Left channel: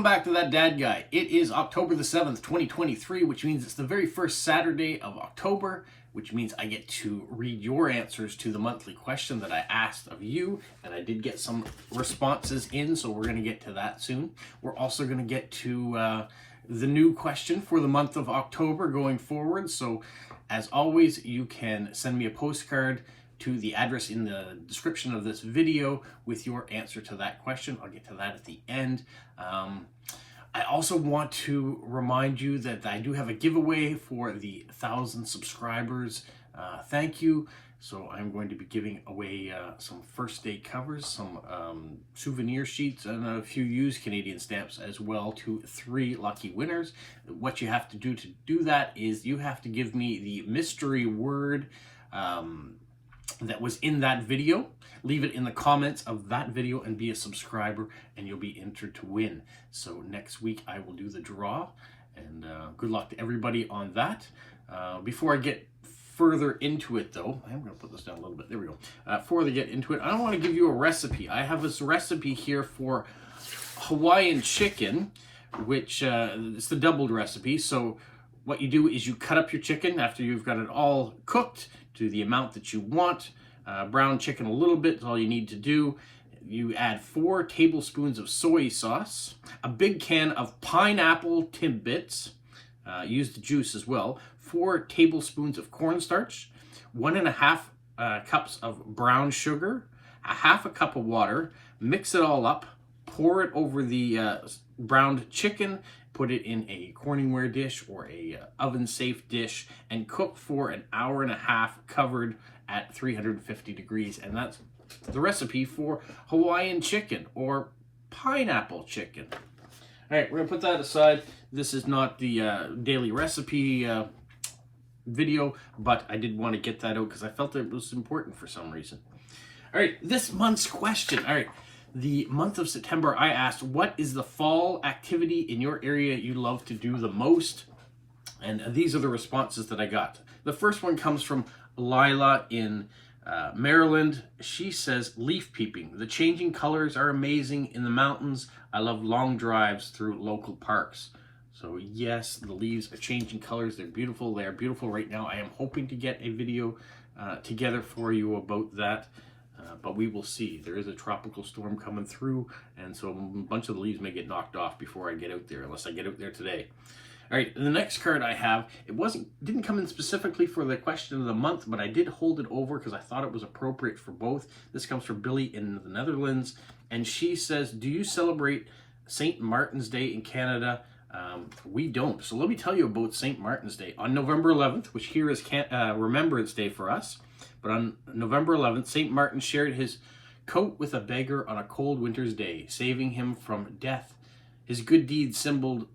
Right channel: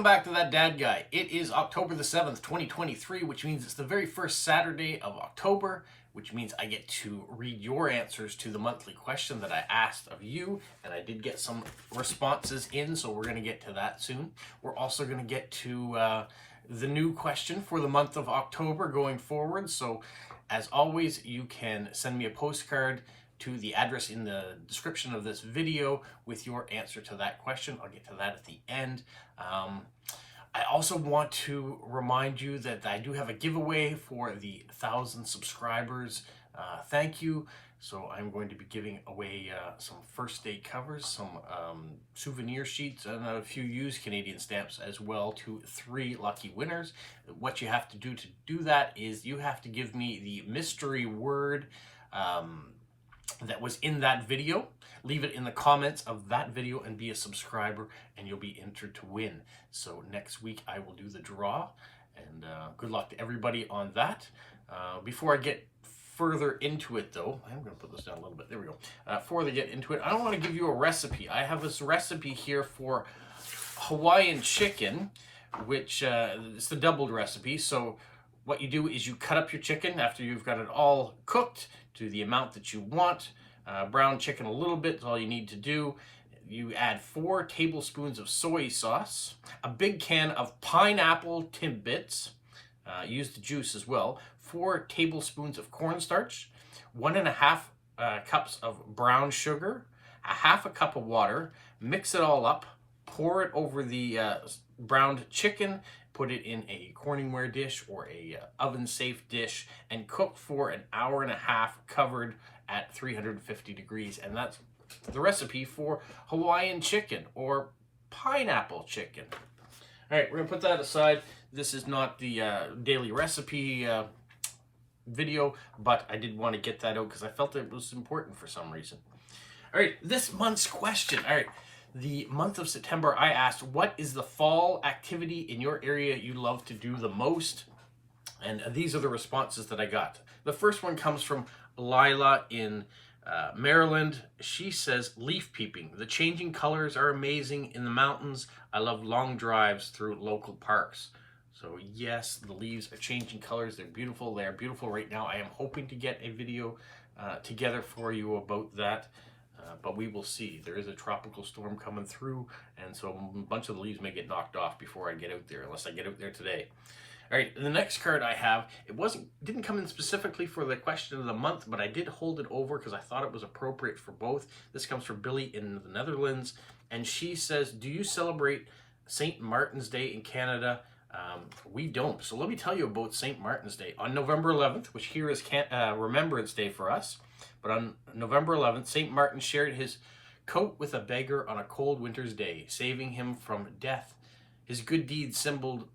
Welcome back to That Dad Guy. It is October the 7th, 2023, which means it's the very first Saturday of October, which means I get to read your answers to the monthly question that I asked of you, and I did get some responses in, so we're going to get to that soon. We're also going to get to the new question for the month of October going forward, so as always, you can send me a postcard to the address in the description of this video with your answer to that question. I'll get to that at the end. I also want to remind you that I do have a giveaway for the 1,000 subscribers. Thank you. So I'm going to be giving away some first day covers, some souvenir sheets, and a few used Canadian stamps as well to 3 lucky winners. What you have to do that is you have to give me the mystery word that was in that video. Leave it in the comments of that video and be a subscriber, and you'll be entered to win. So next week I will do the draw, and good luck to everybody on that. Before I get further into it though, I'm going to put this down a little bit. There we go. Before I get into it, I want to give you a recipe. I have this recipe here for Hawaiian chicken, which it's the doubled recipe. So what you do is you cut up your chicken after you've got it all cooked to the amount that you want. Brown chicken a little bit is all you need to do. You add 4 tablespoons of soy sauce, a big can of pineapple Timbits, use the juice as well, 4 tablespoons of cornstarch, 1.5 cups of brown sugar, a half a cup of water. Mix it all up, pour it over the browned chicken, put it in a Corningware dish or a oven-safe dish, and cook for an hour and a half covered at 350 degrees. And that's the recipe for Hawaiian chicken or pineapple chicken. All right, we're gonna put that aside. This is not the daily recipe video, but I did want to get that out because I felt it was important for some reason. All right, this month's question. All right. The month of September, I asked, what is the fall activity in your area you love to do the most? And these are the responses that I got. The first one comes from Lila in Maryland. She says, leaf peeping. The changing colors are amazing in the mountains. I love long drives through local parks. So yes, the leaves are changing colors. They're beautiful. They're beautiful right now. I am hoping to get a video together for you about that. But we will see. There is a tropical storm coming through, and so a bunch of the leaves may get knocked off before I get out there, unless I get out there today. All right, the next card I have, didn't come in specifically for the question of the month, but I did hold it over because I thought it was appropriate for both. This comes from Billy in the Netherlands, and she says, do you celebrate St. Martin's Day in Canada? We don't. So let me tell you about St. Martin's Day. On November 11th, which here is Remembrance Day for us, but on November 11th, St. Martin shared his coat with a beggar on a cold winter's day, saving him from death. His good deeds, symbol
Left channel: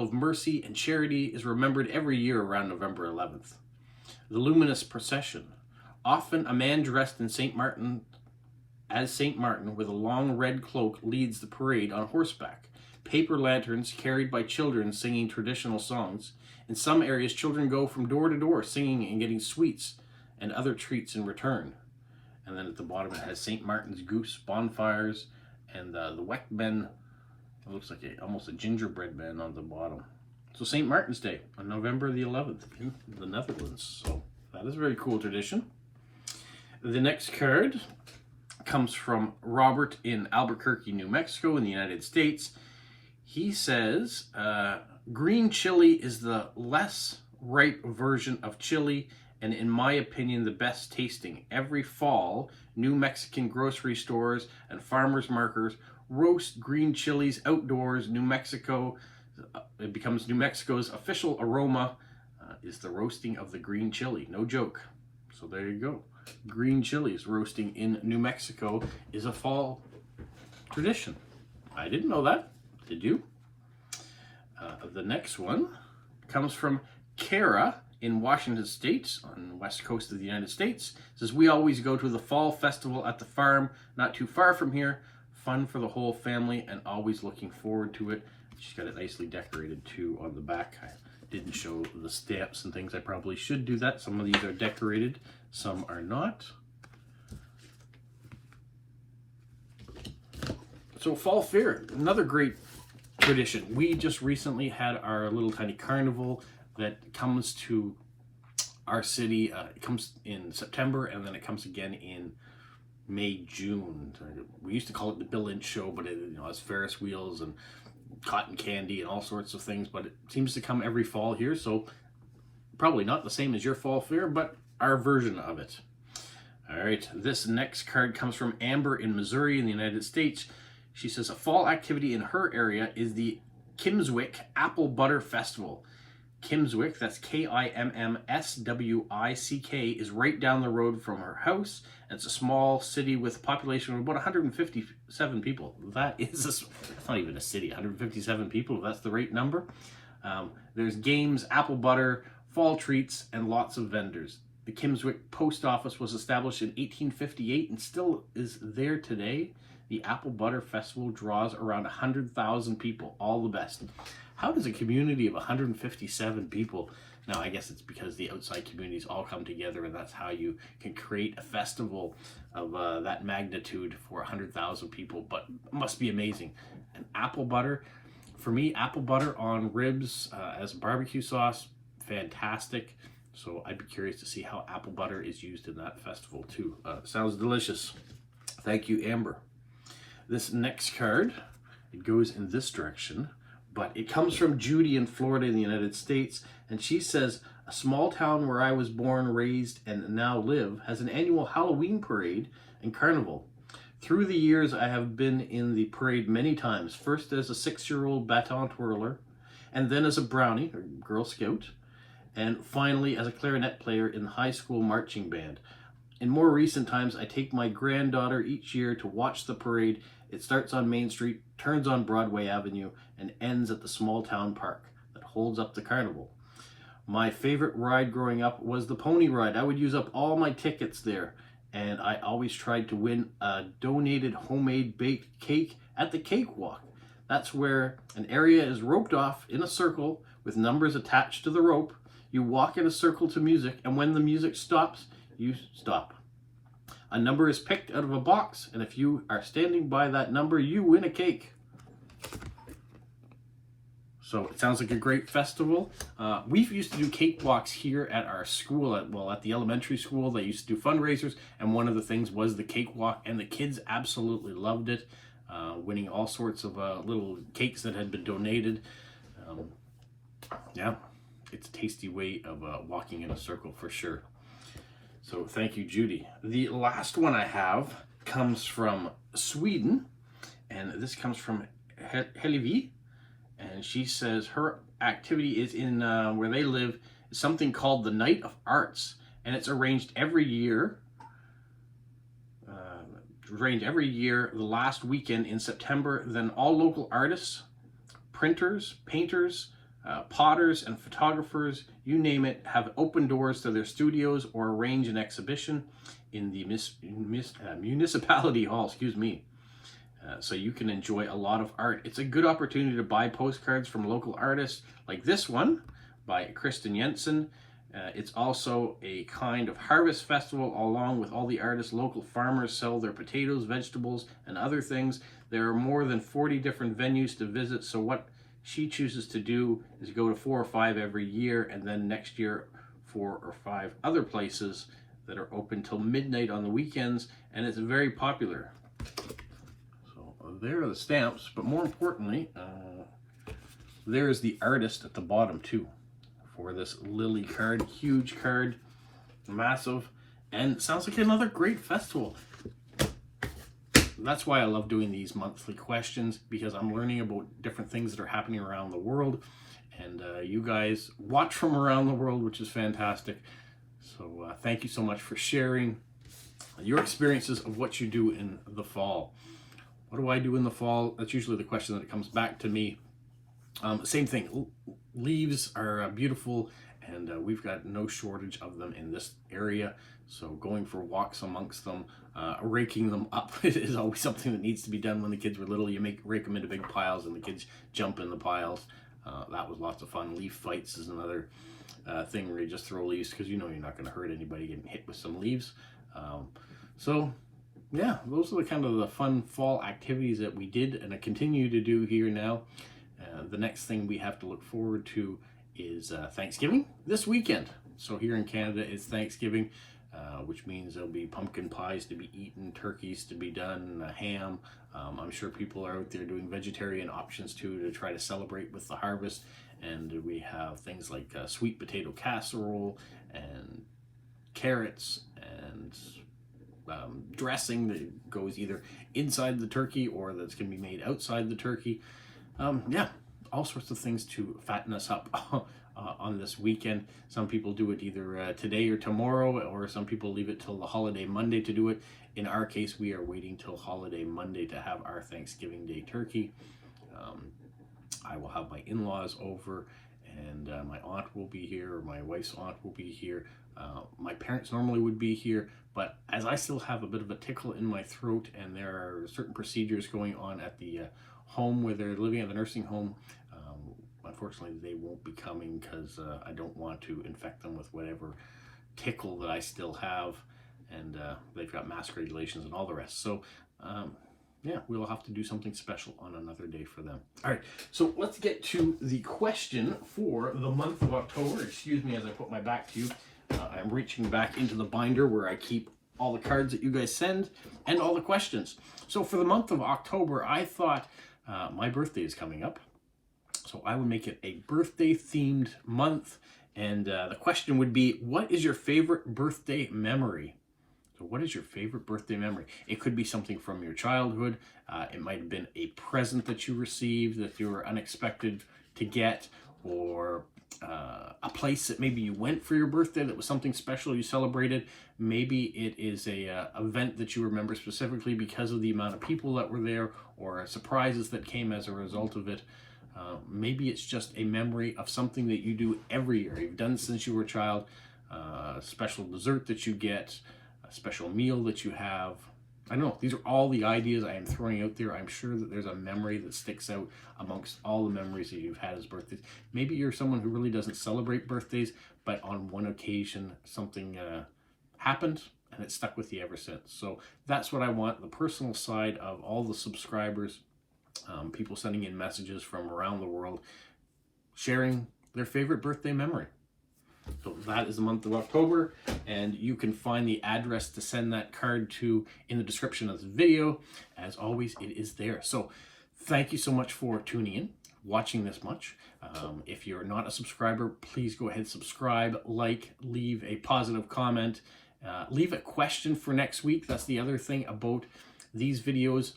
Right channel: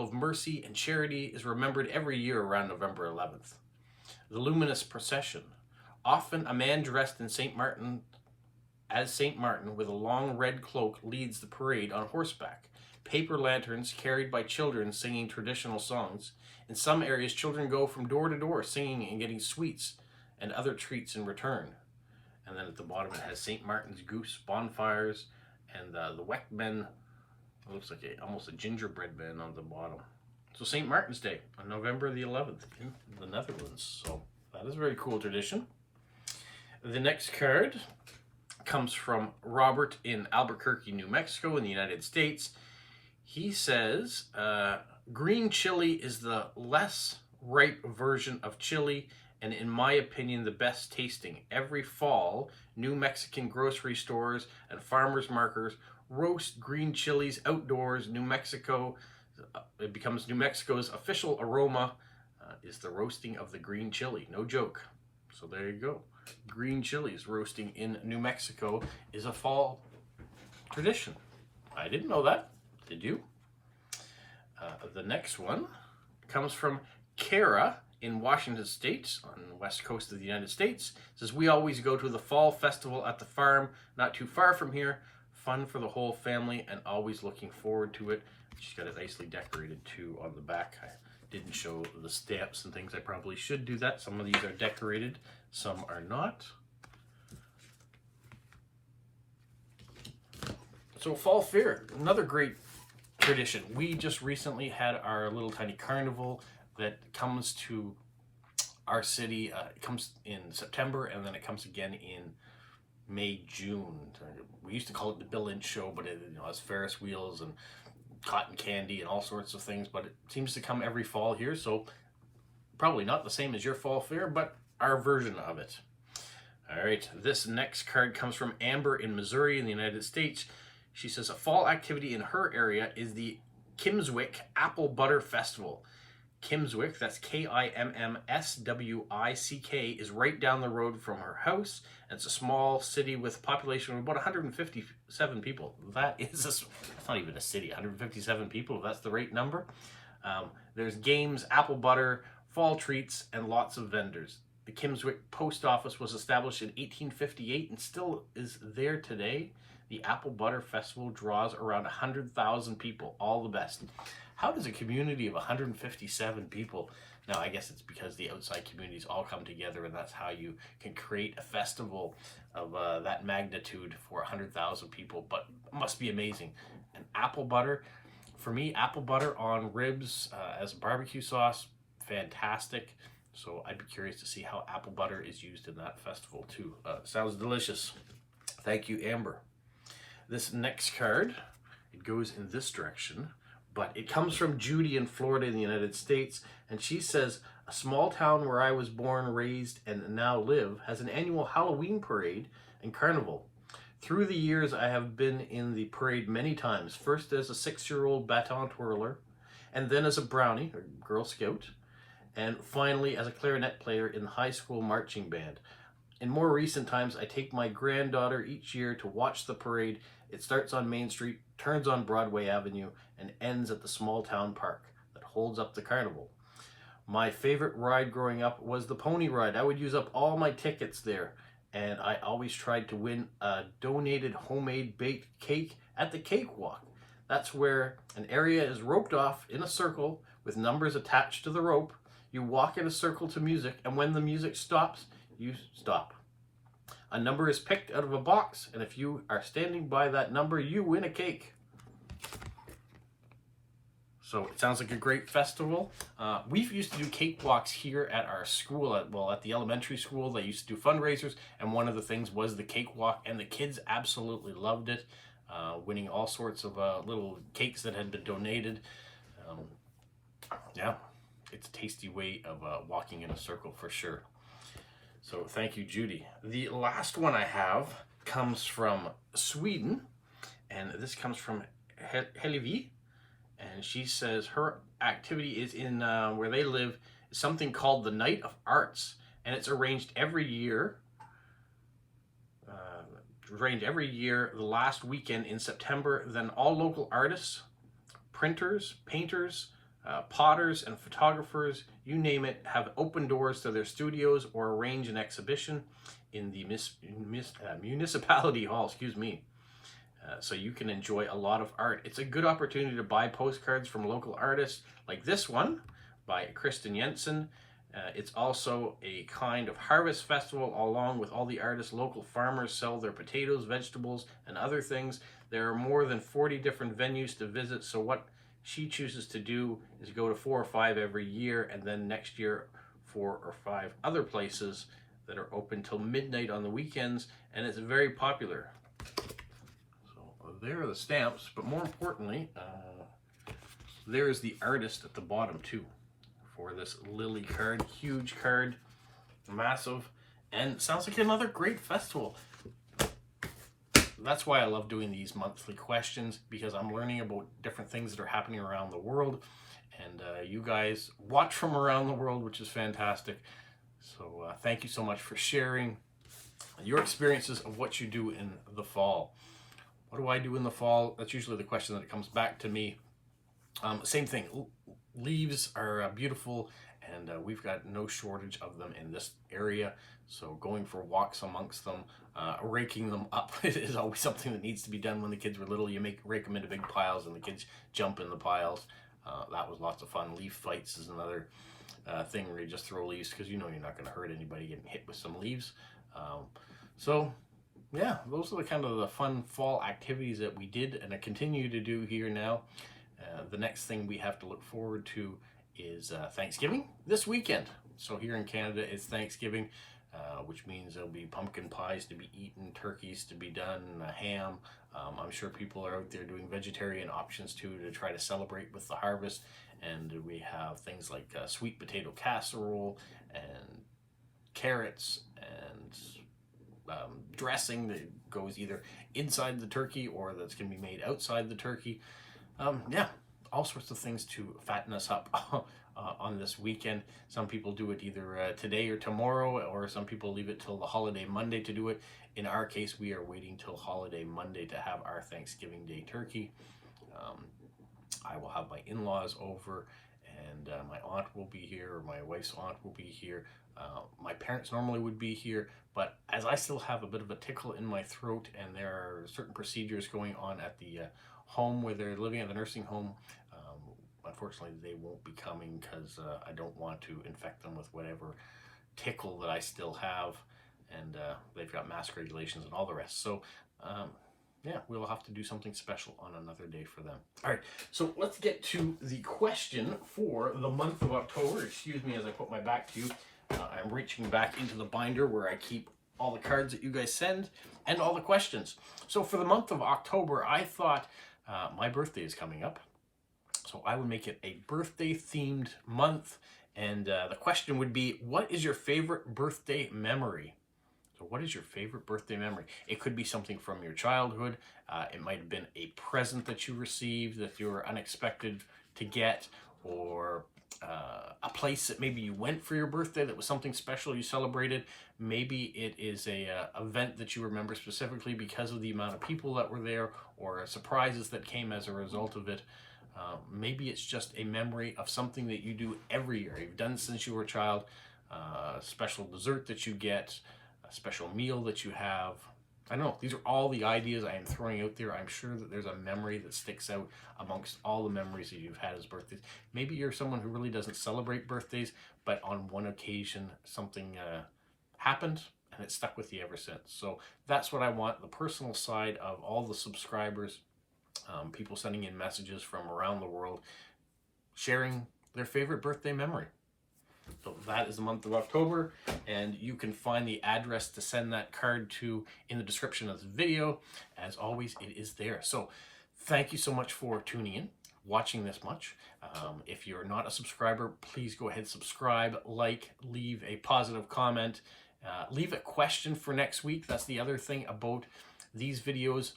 of mercy and charity, is remembered every year around November 11th. The luminous procession. Often a man dressed in St. Martin with a long red cloak leads the parade on horseback. Paper lanterns carried by children singing traditional songs. In some areas, children go from door to door singing and getting sweets and other treats in return. And then at the bottom it has St. Martin's goose, bonfires, and the Weckben. It looks like almost a gingerbread man on the bottom. So St. Martin's Day on November the 11th in the Netherlands. So that is a very cool tradition. The next card comes from Robert in Albuquerque, New Mexico in the United States. He says, green chili is the less ripe version of chili, and in my opinion, the best tasting. Every fall, New Mexican grocery stores and farmers markets roast green chilies outdoors. New Mexico, it becomes New Mexico's official aroma is the roasting of the green chili. No joke. So there you go. Green chilies roasting in New Mexico is a fall tradition. I didn't know that. Did you? The next one comes from Kara in Washington State, on the west coast of the United States. It says, we always go to the fall festival at the farm, not too far from here. Fun for the whole family and always looking forward to it. She's got it nicely decorated too on the back. I didn't show the stamps and things. I probably should do that. Some of these are decorated, some are not. So fall fair, another great tradition. We just recently had our little tiny carnival that comes to our city. It comes in September, and then it comes again in May, June. We used to call it the Bill Lynch Show, but it has Ferris wheels and cotton candy and all sorts of things, but it seems to come every fall here, so probably not the same as your fall fair, but our version of it. All right, this next card comes from Amber in Missouri in the United States. She says a fall activity in her area is the Kimmswick Apple Butter Festival. Kimmswick, that's Kimmswick, is right down the road from her house. It's a small city with a population of about 157 people. That's not even a city, 157 people, if that's the right number. There's games, apple butter, fall treats, and lots of vendors. The Kimmswick Post Office was established in 1858 and still is there today. The Apple Butter Festival draws around 100,000 people, all the best. How does a community of 157 people, now I guess it's because the outside communities all come together, and that's how you can create a festival of that magnitude for 100,000 people, but it must be amazing. And apple butter, for me, apple butter on ribs as a barbecue sauce, fantastic. So I'd be curious to see how apple butter is used in that festival too. Sounds delicious. Thank you, Amber. This next card, it goes in this direction, but it comes from Judy in Florida in the United States, and she says, a small town where I was born, raised, and now live has an annual Halloween parade and carnival. Through the years, I have been in the parade many times, first as a 6-year-old baton twirler, and then as a brownie, or Girl Scout, and finally as a clarinet player in the high school marching band. In more recent times, I take my granddaughter each year to watch the parade. It starts on Main Street, turns on Broadway Avenue, and ends at the small town park that holds up the carnival. My favorite ride growing up was the pony ride. I would use up all my tickets there, and I always tried to win a donated homemade baked cake at the cakewalk. That's where an area is roped off in a circle with numbers attached to the rope. You walk in a circle to music, and when the music stops, you stop. A number is picked out of a box, and if you are standing by that number, you win a cake. So it sounds like a great festival. We used to do cakewalks here at our school, at the elementary school. They used to do fundraisers, and one of the things was the cakewalk, and the kids absolutely loved it, winning all sorts of little cakes that had been donated. Yeah, it's a tasty way of walking in a circle for sure. So thank you, Judy. The last one I have comes from Sweden, and this comes from Helevi, and she says her activity is in where they live is something called the Night of Arts, and it's arranged every year. The last weekend in September. Then all local artists, printers, painters, potters and photographers, you name it, have open doors to their studios or arrange an exhibition in the municipality hall, so you can enjoy a lot of art. It's a good opportunity to buy postcards from local artists like this one by Kristen Jensen. It's also a kind of harvest festival along with all the artists. Local farmers sell their potatoes, vegetables, and other things. There are more than 40 different venues to visit, so what she chooses to do is go to 4 or 5 every year, and then next year 4 or 5 other places that are open till midnight on the weekends, and it's very popular. So there are the stamps, but more importantly, there is the artist at the bottom too for this Lily card. Huge card, massive, and sounds like another great festival. That's why I love doing these monthly questions, because I'm learning about different things that are happening around the world, and you guys watch from around the world, which is fantastic. So thank you so much for sharing your experiences of what you do in the fall. What do I do in the fall? That's usually the question that comes back to me. Same thing. Leaves are beautiful, and we've got no shortage of them in this area. So going for walks amongst them, raking them up is always something that needs to be done. When the kids were little, you rake them into big piles, and the kids jump in the piles. That was lots of fun. Leaf fights is another thing where you just throw leaves, because you know you're not going to hurt anybody getting hit with some leaves. So yeah, those are the kind of the fun fall activities that we did and I continue to do here now. The next thing we have to look forward to is Thanksgiving this weekend. So here in Canada, it's Thanksgiving, which means there'll be pumpkin pies to be eaten, turkeys to be done, ham. I'm sure people are out there doing vegetarian options too to try to celebrate with the harvest. And we have things like sweet potato casserole and carrots and dressing that goes either inside the turkey or that's going to be made outside the turkey. Yeah, all sorts of things to fatten us up on this weekend. Some people do it either today or tomorrow, or some people leave it till the holiday Monday to do it. In our case, we are waiting till holiday Monday to have our Thanksgiving Day turkey. I will have my in-laws over, and my aunt will be here, or my wife's aunt will be here. My parents normally would be here, but as I still have a bit of a tickle in my throat, and there are certain procedures going on at the home where they're living, at the nursing home, unfortunately they won't be coming because I don't want to infect them with whatever tickle that I still have, and they've got mask regulations and all the rest. So yeah, we'll have to do something special on another day for them. All right, so let's get to the question for the month of October. Excuse me as I put my back to you. I'm reaching back into the binder where I keep all the cards that you guys send and all the questions. So for the month of October, I thought my birthday is coming up, so I would make it a birthday themed month. And the question would be, what is your favorite birthday memory? So what is your favorite birthday memory? It could be something from your childhood. It might have been a present that you received that you were unexpected to get, or a place that maybe you went for your birthday that was something special you celebrated. Maybe it is a event that you remember specifically because of the amount of people that were there, or surprises that came as a result of it. Maybe it's just a memory of something that you do every year. You've done since you were a child, a special dessert that you get, a special meal that you have. I don't know, these are all the ideas I am throwing out there. I'm sure that there's a memory that sticks out amongst all the memories that you've had as birthdays. Maybe you're someone who really doesn't celebrate birthdays, but on one occasion something happened and it stuck with you ever since. So that's what I want, the personal side of all the subscribers, people sending in messages from around the world, sharing their favorite birthday memory. So that is the month of October, and you can find the address to send that card to in the description of this video. As always, it is there. So thank you so much for tuning in, watching this much. If you're not a subscriber, please go ahead, subscribe, like, leave a positive comment, leave a question for next week. That's the other thing about these videos.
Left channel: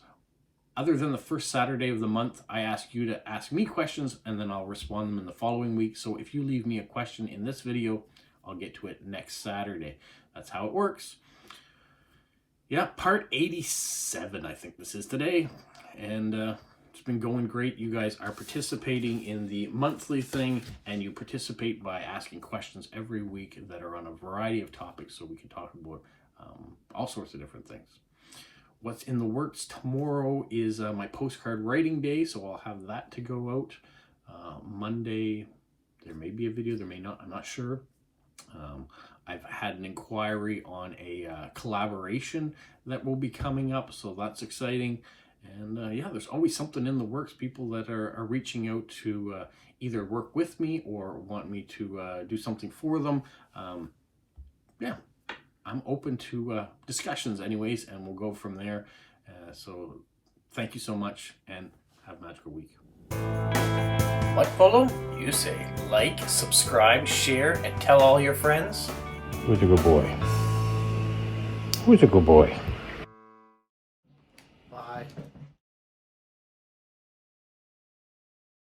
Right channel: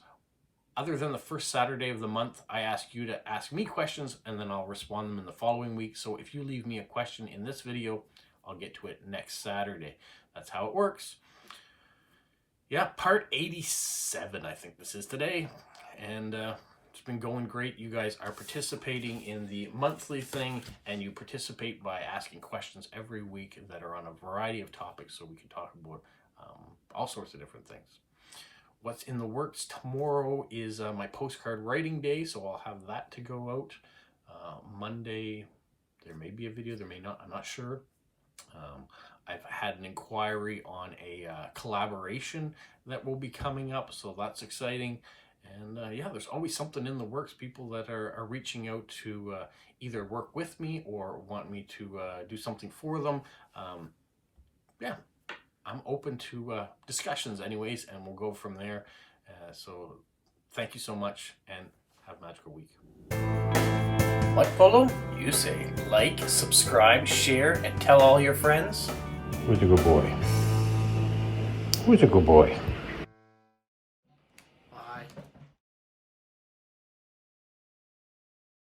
Other than the first Saturday of the month, I ask you to ask me questions, and then I'll respond them in the following week. So if you leave me a question in this video, I'll get to it next Saturday. That's how it works. Yeah, part 87, I think this is today. And it's been going great. You guys are participating in the monthly thing, and you participate by asking questions every week that are on a variety of topics, so we can talk about all sorts of different things. What's in the works tomorrow is my postcard writing day, so I'll have that to go out. Monday, there may be a video, there may not, I'm not sure. I've had an inquiry on a collaboration that will be coming up, so that's exciting. And yeah, there's always something in the works, people that are reaching out to either work with me or want me to do something for them. Yeah. I'm open to discussions anyways, and we'll go from there. So thank you so much, and have a magical week. What, Polo? You say like, subscribe, share, and tell all your friends? Who's a good boy? Who's a good boy?